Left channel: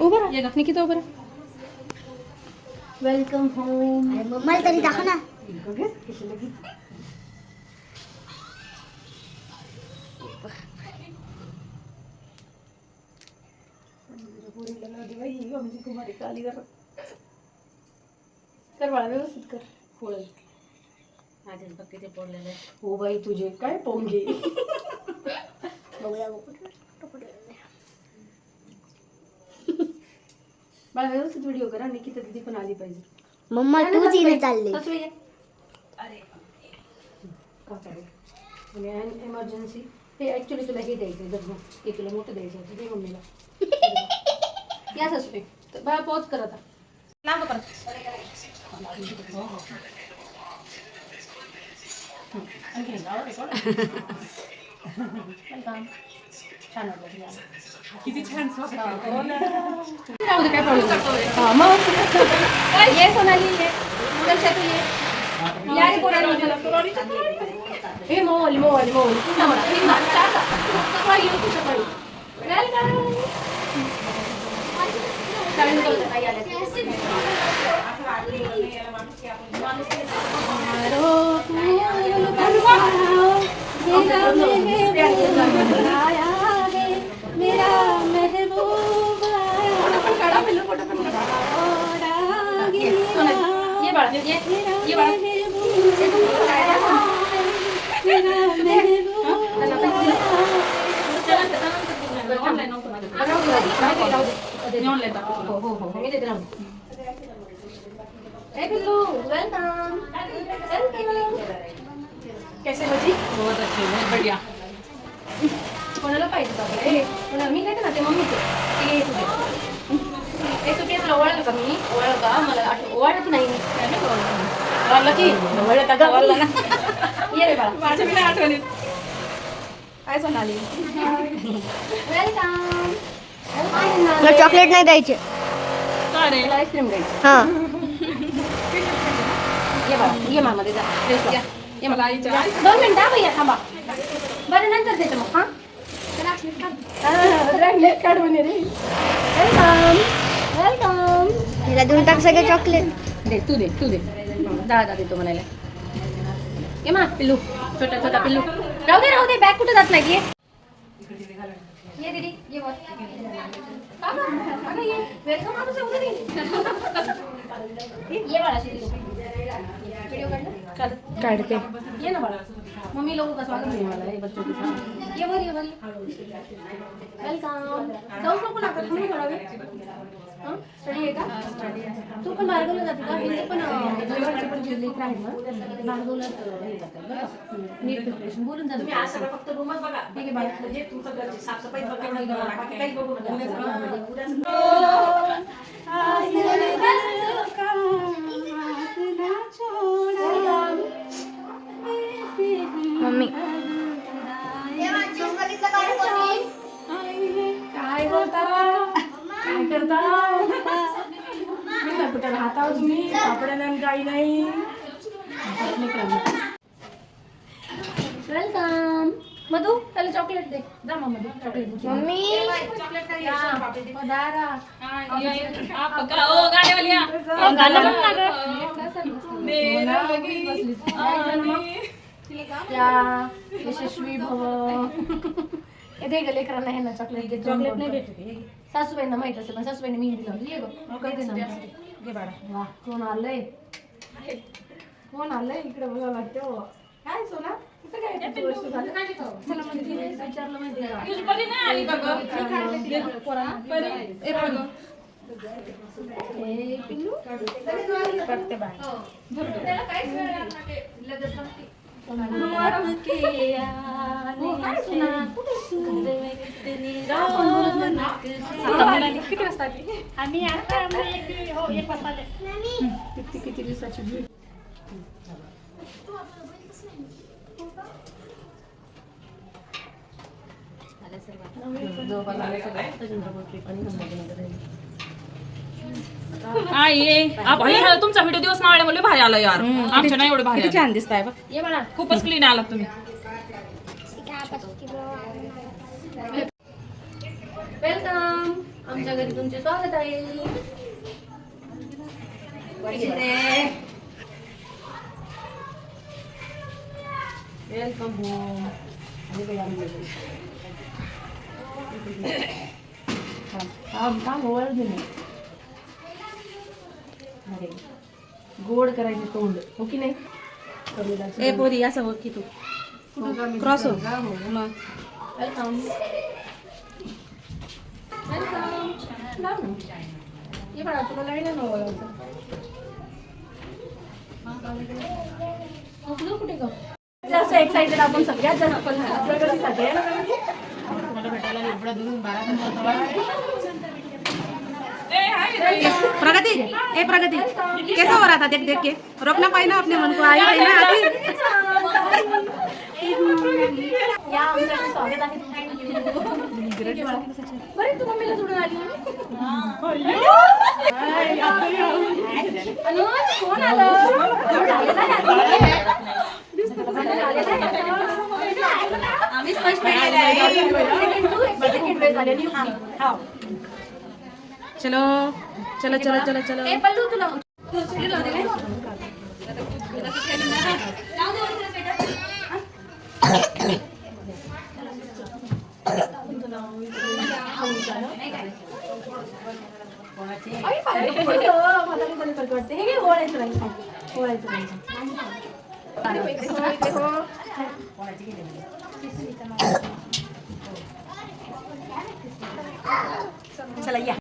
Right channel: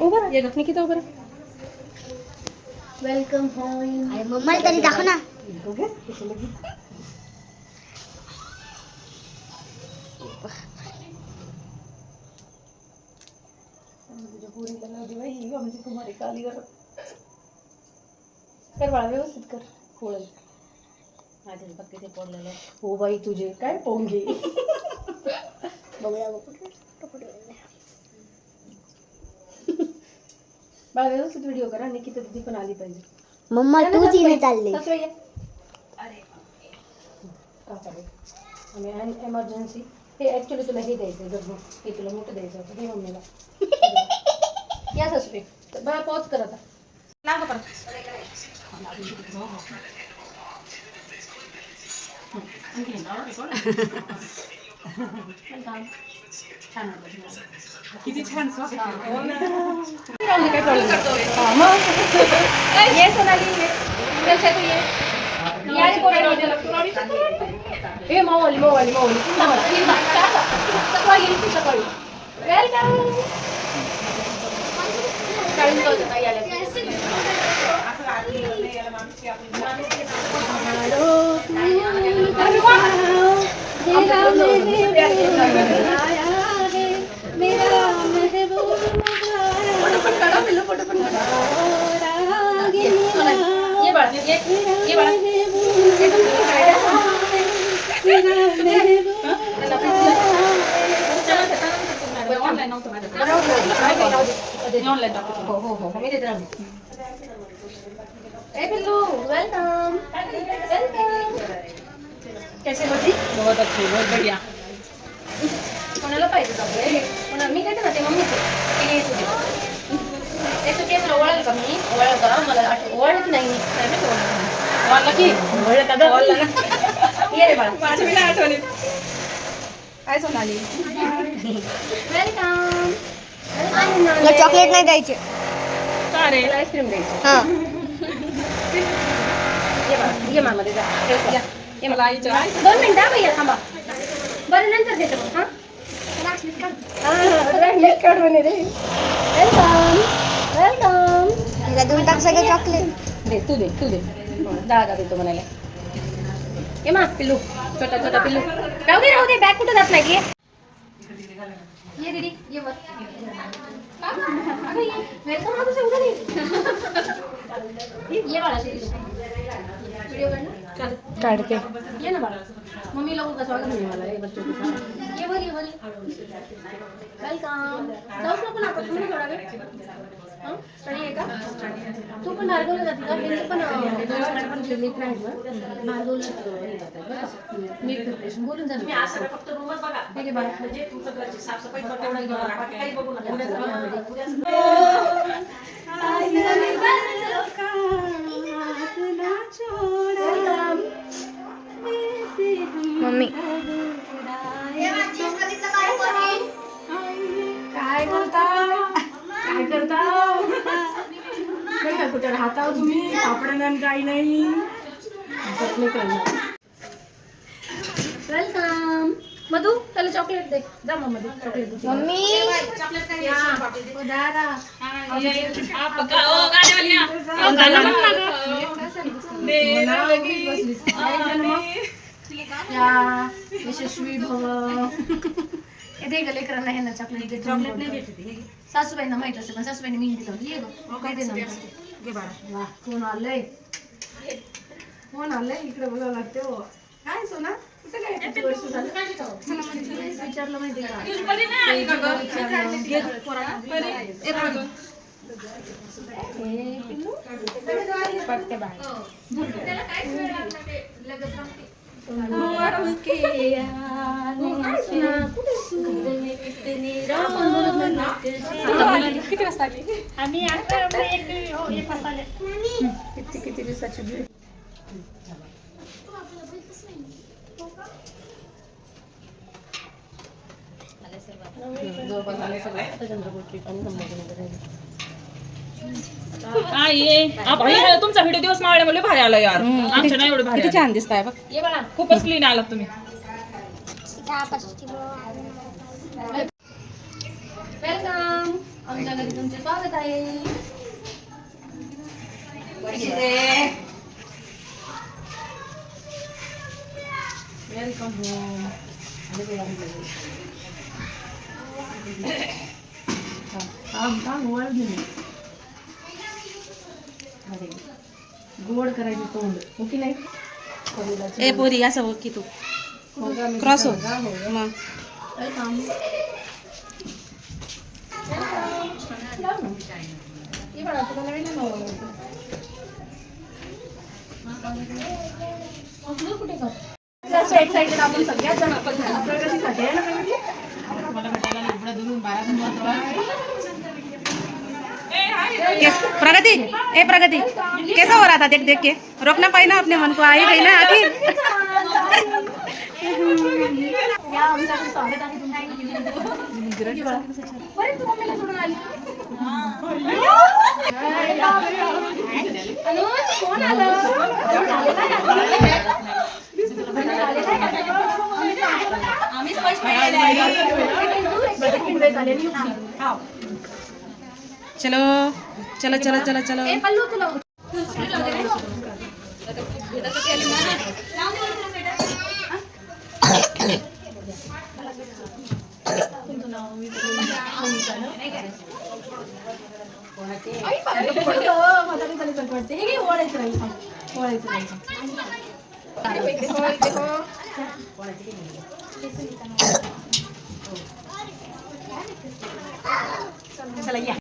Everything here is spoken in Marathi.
उभं ये गपनी किती उभं वेलकम होम. अरे मम्मा तरी दाखव ना. कर बाळा व्यवस्थित कर. पोळल आधीच बघ किती पोळलेलं आहे. हो बाई तुझे काय पोंगे. बघूया बाळा व्यवस्थित व्हिडिओ करा. निकिता दीदी पण आली पाहिजे. मम्मा तूच इने चालले. अरे का चालेल आम्ही एमर्जन्सी. हे ऍक्च्युली तुला हे द्यायचं आहे. हे तुला मोठं द्यायचं होतं. हे मम्मीला याच असू बाळा पॉज कर आता. लाव परत. किती छान कैसे बची बहुत अच्छी बहुत बढ़िया. कोणाला पाहिजे कोणाला मी काय म्हणते मम्मीचे ते त्याचं केस ओळखलं का मी ओळखलं का मला ओळखत नाही ओळखलं की ओळखलं का ओळखलं ना ये रे बाळा माझ्या मी आठवणी काय सोनाली वेलकम. चॉकलेट नाही द्यायचे. अरे आईस्क्रीम द्यायची. हा ये मामा दे या ये मला 2 मिनिटं भैया थांबा. बरं नंतर देते मग. हां काढून रे. Welcome welcome. मला देऊन टाक सगळे चॉकलेट. दे तू दे दादा देतो म्हणायला. ये मा पिल्लू छोटा पिल्लू राहू दे बॅग कुठे जात नाही की ये दीदी ये वर वेलकम आ तुझं उधर ये बाळा व्हिडिओ काढ ना काढते. ये ना बाळा मम्मी लोगों का स्वागत है मला बच्चों के साथ. ये वर वेलकम. जाऊच नको ना आपण थोडा वेळ. हां स्टडी आहे का तू पण मार्गवला जाते का. हे पण दोघांचे पण जे लेख आहे ना मार्गवला मी प्रिपरेशन बोलून झालं. मी असं फक्त रूमच बघा ठीक आहे बाळा. म्हणजे तुमचं घरची साफसफाई फक्त एवढी करा बाकी काही बघू मम्मी काय करता कुठे राहता तुम्ही सापडे काही नाही. वेलकम मधू त्याला चॉकलेट दे जा मधू चॉकलेट दे. मम्मी यशस्वी भव. हे ग लेकरांना हे ना चॉकलेट नाही भेटत. सासूबाईंना माहित असते पण सासूबाईंनी मी दिलं. ये ग काय दे वा कोण आलंय इकडे बघावं लागतं. काय सोना काय वर्ष झालं विचारलं माहिती किती वाजता आम्ही किती दिवसाची भेट. तुमचा व्हिडिओ दिवस मावळे मला भारी आला यार. आमच्या नाही एवढं भारी छान दिसताय बघ. ये बघा खूपच क्लीन आलात तुम्ही. वेलकम. आमच्या घरी तुमचे स्वागत आहे. Welcome home. गोड करायचे तोंड हो की नाही. ए पोरी असं बघ की तू क्रॉस हो मग वेलकम. ये बघा तुला लाईन कुठे का एक्साइटेड आपण सगळ्यात जण प्रगतीसाठी आहे ना. तुम्हाला भेटायला एवढा दुरून 12 प्रगति ए प्रगति कैसा हो रहा था देख देख के रोकना पाई ना अपने मन को आई गई ना आखिर. या आमच्याकडे स्वागत आहे. बरे तू मम्मीला सोडून आली. अनुज कोण आला. आम्ही स्पष्ट चलो चलो चलो चलो चलो ए पल्लू तुला हे ओळायचं नाही ओळायचं नाही. चला या.